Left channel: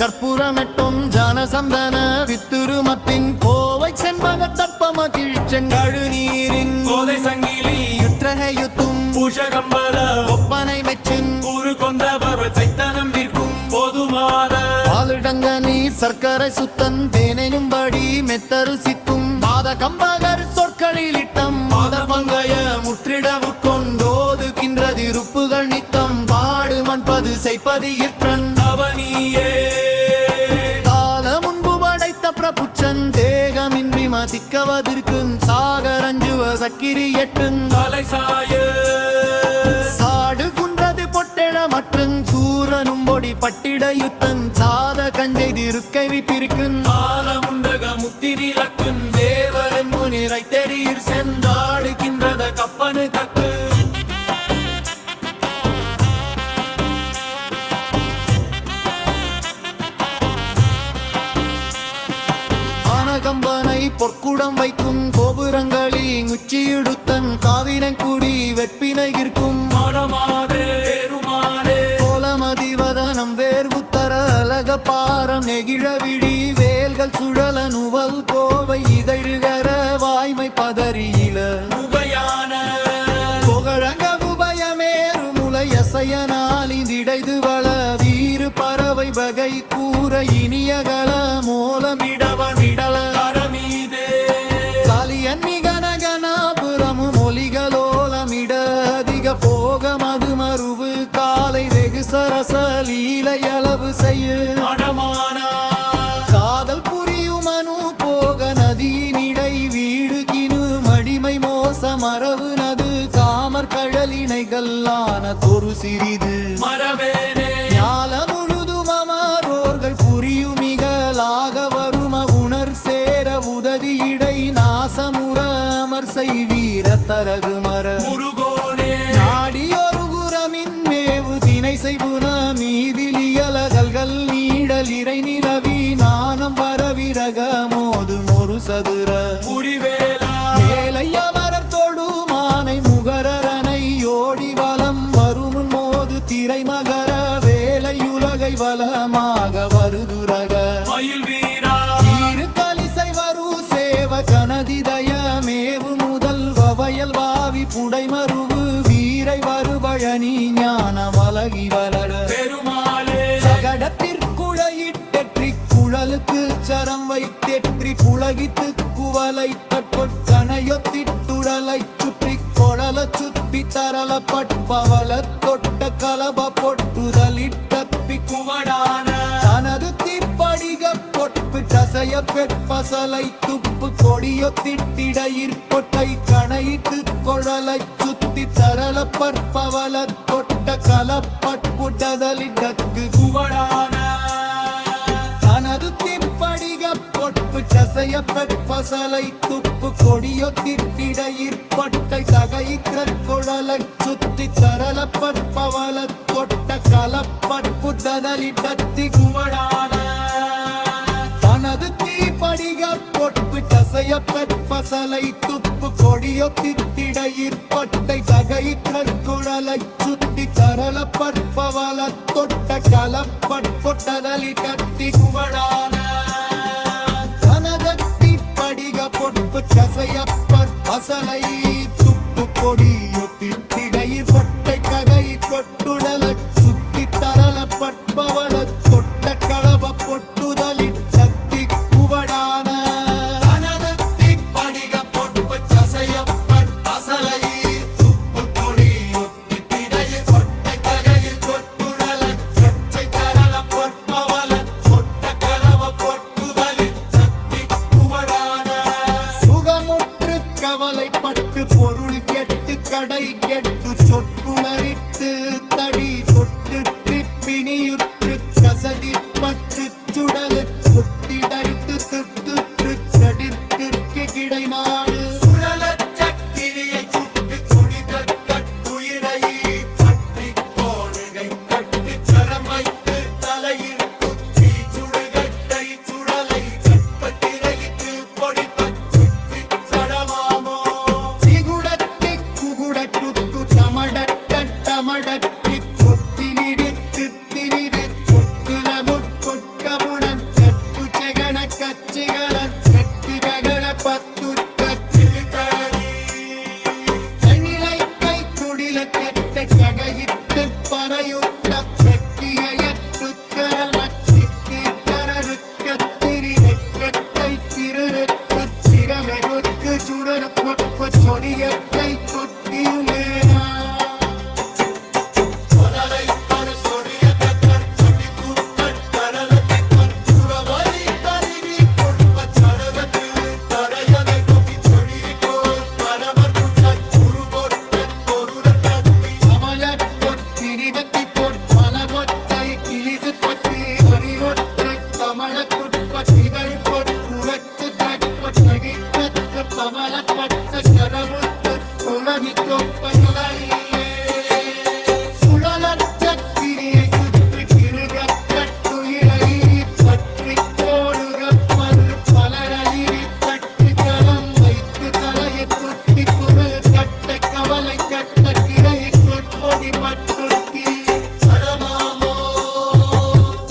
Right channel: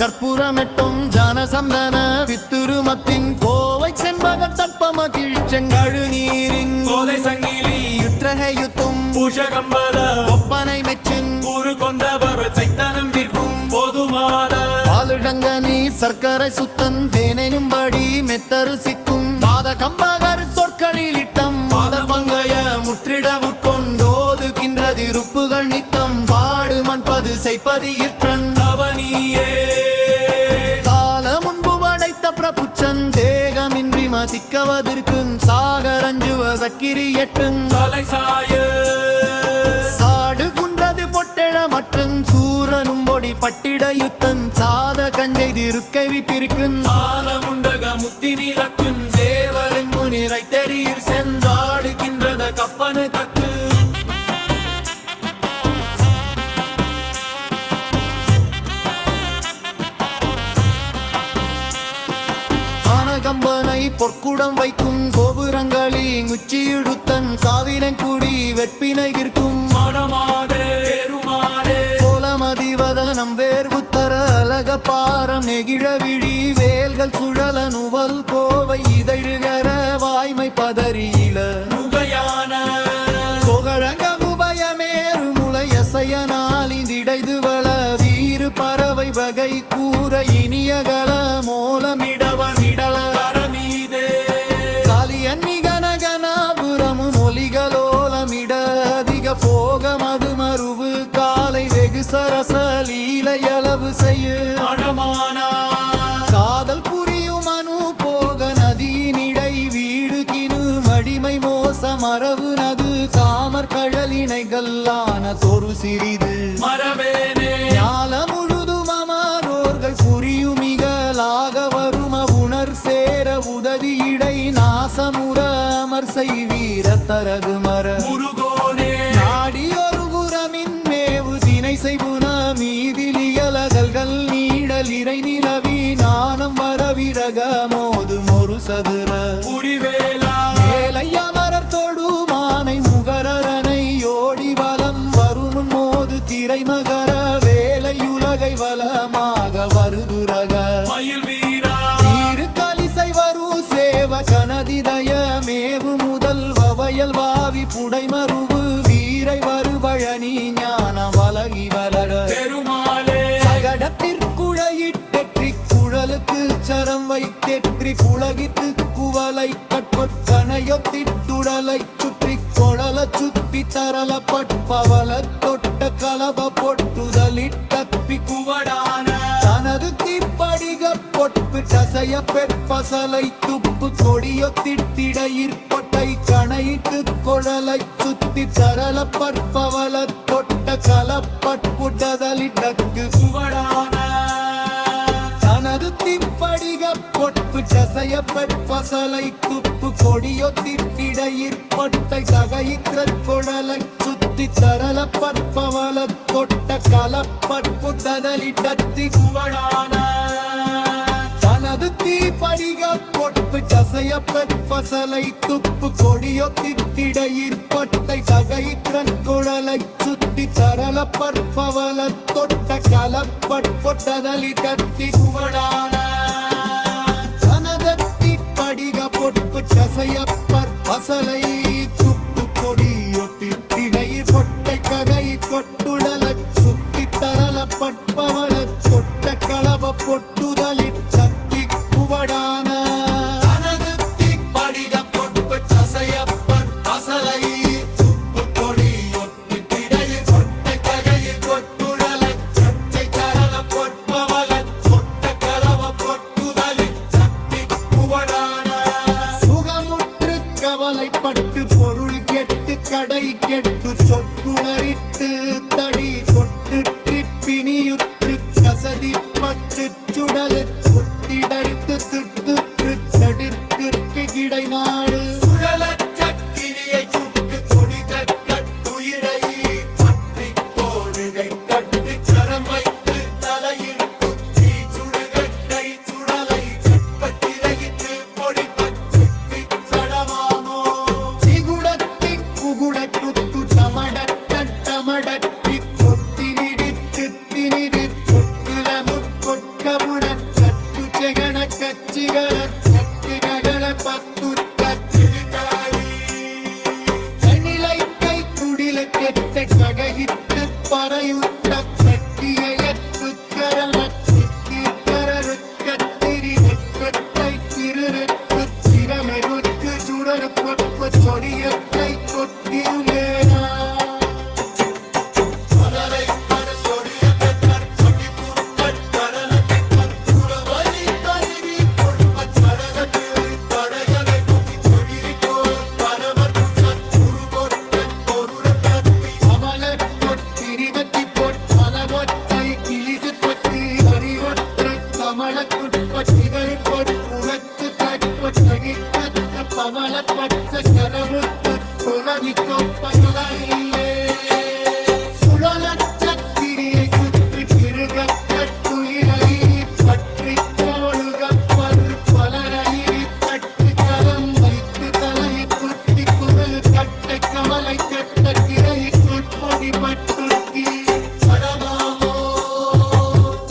கற்பூரமெட்டும் ஜானசந்தன வித்துருமத்தின் கோவை செண்பக தற்பம கிழிச்செங்கழு நீரின் கோதை சங்கிலி யுற்றகையுத்தும் பூஷகம்பல ஒப்பனை மெச்சின் ஊரு கொண்டவர் சைத்தனம் விற்கும் போதுமாத பாலிடங்க நீ சர்க்கரை சுத்தன் தேனையும்படி மெத்தரு சிக்கும் மாத கம்பகர் சொற்களில் இட்டம் மாத பங்கைய முற்றிட உட்கொண்டோதுகின்ற திருப்புகள் நித்தம் பாடு மண்பது செய்ப்பதி இற்றன் அவனியே கால முன்பு படைத்த பிரபுச்சன் தேகமின்றி மதிக்கவதற்கும் சாகரஞ்சுவ சக்கிரி எட்டுங் தலை சாய சாடு குன்றது பொட்டெழ மற்றும் சூரனும் பொடி பட்டிட யுத்தன் சாத கஞ்சை திருக்கை விப்பிருக்கும் ஆலமுண்டக முத்திரி லக்குன் தேவரன் முனிரை தெரீர் சென்றாடுகின்றத கப்பனு கக்கு கம்பனை பொற்குடம் வைக்கும் கோபுரங்களி உச்சியிடுத்தன் காவினங்குடி வெற்பினை இருக்கும் கோலமதிவதனம் வேர்வுத்தர அழக பாரம் நெகிழ விழி வேல்கள் சுழல நுவல் கோவை இதழுகர வாய்மை பதறியில முகையான புகழங்க உபயமேறு முளையசையனாலிந்திடைது வள வீறு பறவை வகை கூற இனியகல மோலமிடவமிடல கரமீதே காலியன்னி கனகனாபுரமு மொழிகளோலமிட அதிக போக மதுமருவு காலை வெகு சரச லீலையளவு செய்ய மடமானா காதல் புரியும் அனு போக நதியினிடை வீடு கினு மடிமை மோச மரபு நது காமர் கழலினைகளான தொரு சிறிது மரவேனே ஞால முழுதும் அமரோர்கள் புரியுமிகளாக வரும உணர் சேர உதவி இடை நாசமுற அமர் செய்வீர தரகு மர முருகோனே நாடியொரு குரமின் மேவு தினை செய்வுன மீதிலியலகல்கள் நீடல் இறை நிலவி நாணம் வரவிரக மோதும் ஒரு சதுர புரிவேலா மேலையமரர் தொடு மானை முகரனை ஓடி வலம் வருமுன் மோது திரை மகர வேலையுலகை வளமாக வருதுரக மயில் வீரா தீரு கலிசை வரு சேவ கனதிதய மேவு முதல் வயல் வாவி புடைமருவு வீரை வருபழனி ஞான வலகி வளர பெருமாளே சகடத்திற்குழையிட்டெற்றி குழலுக்கு சரம் வைத்தெற்றி புலகித்து குவலை கட்பொட்டனையொத்திட்டுடலை சுற்றி கொழல சுத்தி தரல பட்பவள தொட்ட கலப பொட்டுதலிட்டப்பி குவடான தனது தீப்படிக பொட்பு டசைய பெற்பசலை துப்பு கொடியொத்திட்டிடையிற் பொட்டை கணையிட்டு கொழலை சுத்தி தரல பற்பவள தொட்ட கலப்பட்புடதலிடக்கு குவடான தனது திப்படிக பொட்பு டசைய பெற்பசலை துப்பு கொடியொத்திட்டிடையிற் பொட்டை தகையிற்ற கொழலை சுத்தி தரல பற்பவள தொட்ட கலப்பட்புடதலிடத்தி குவடான தனது தீப்படிக பொட்பு டசைய பெற்பசலை துப்பு கொடியொத்திட்டிடையிற் பொட்டை தகையிற்ற குழலை சுத்தி தரல பற்பவள தொட்ட கலப்பட்புடதலிடத்தி குவடான தனதத்தி படிக பொட்பு கசைய பற்பசலை துப்பு கொடியொத்திட்டிடையிற் பொட்டை ககை கொட்டுடல சுத்தி தரல பட்பவள தொட்ட களப பொட்டுதலிட் சக்தி குவடான தனது படிக பொற்பு சசைய பற்பசலை துப்பு கொடியொத்தி திடை பொட்டை ககையில் கொட்டுழலை சச்சை கரல பொற்பவள பொட்ட கலவ பொட்டுதலில் சக்தி குவடான சுகமுற்று கவலைப்பட்டு பொருள் கெட்டு கடை கெட்டு சொற்குளரித்து தடி தொட்டு பிணியுற்று கசதி பற்று சுடலு குத்திடர்த்து திட்டு தடிற்கு கிடை நாடு சுழலச் சக்கிரியை சுக்கு கொடி கட்டுயிரை பற்றி கோடுகை கட்டு கரம் வைத்து தலையில் குச்சி சுடுகட்டை சுழலை கற்பத்திரையிட்டு பொடி பற்றி சடமாமோ சிகுடத்தை குகுடட்டு தமடட்டி கொத்தி நிறுத்து திணிரு கொட்டில முட்கொட்க ചെകണ കച്ചുകള കട്ടുകകള പത്തുട്ടച്ചിരിക്കാരി തനിലൈക്കൈ കുടിലത്തെത്തെ കകയിട്ട് പറയുത്ത കട്ടിയയത്തുക്കരൽ വച്ചിത്തിക്കരറുക്കത്തിരി വെറ്റத்தை തിരുറുത്തു ചിരമെരുക്ക് ചുടരു കൊപ്പ ചൊടിയക്കൈ തൊട്ടിയുമേരാ கொலரை கர சொடிய கட்டர் பகி புத்தர் கரணத்தை கற்றுரவரி கருவி கொடுப்ப சடகத்து படையகை தொப்பி தொழிற்கோ பரமர் குற்றர் குருமொற்றன் பொருள கட்டி அமல கொட்டிரிதத்தி பொற்பால பொற்றை கிளிசு கொத்தி வரிவொற்றை கமல குட்பட்டிகள் பொற்குறச்சு கட்பொ தகிர்கத்து பவள பச்ச கரபுத்து குலவி தொப்பட்டவரில்லே சுழலற்ற கிரியை சுற்று கிருகப்பட்டுயிரையிரி பற்றி கோளுகப்பர் பலரையிரி பட்டு கரம் வைத்து தலையை குத்தி குழல் கட்டை கவலை கட்ட கிரையுள் பொடி பட்டுக்கி சடமாமோ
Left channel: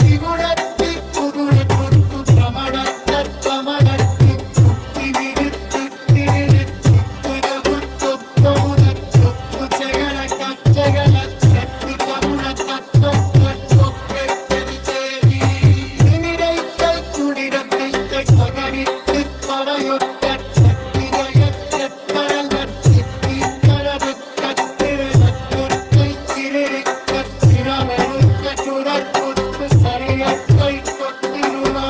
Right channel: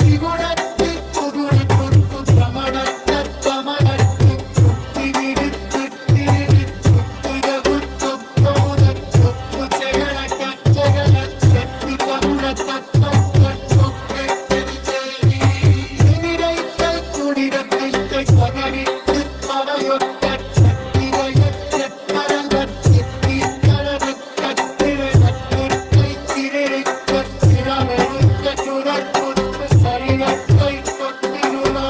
திகுடத்தி புகுடு துட்டு கமடத்த கமடத்து குட்டி நிறுத்து திருத்து குரகுத்து தொகுத தொக்கு செகட கச்சகல சட்டு தகுட தட்டோ தட்டொக்கை தேடி குடிரத்தை பகரித்து பறையொட்ட கட்டிரையற்றல் கட்டி தீத்தரது கட்டிரத்தை திரை கச்சிரமெருக்க சுரப்புத்து சரியத்தை தொட்டிருமா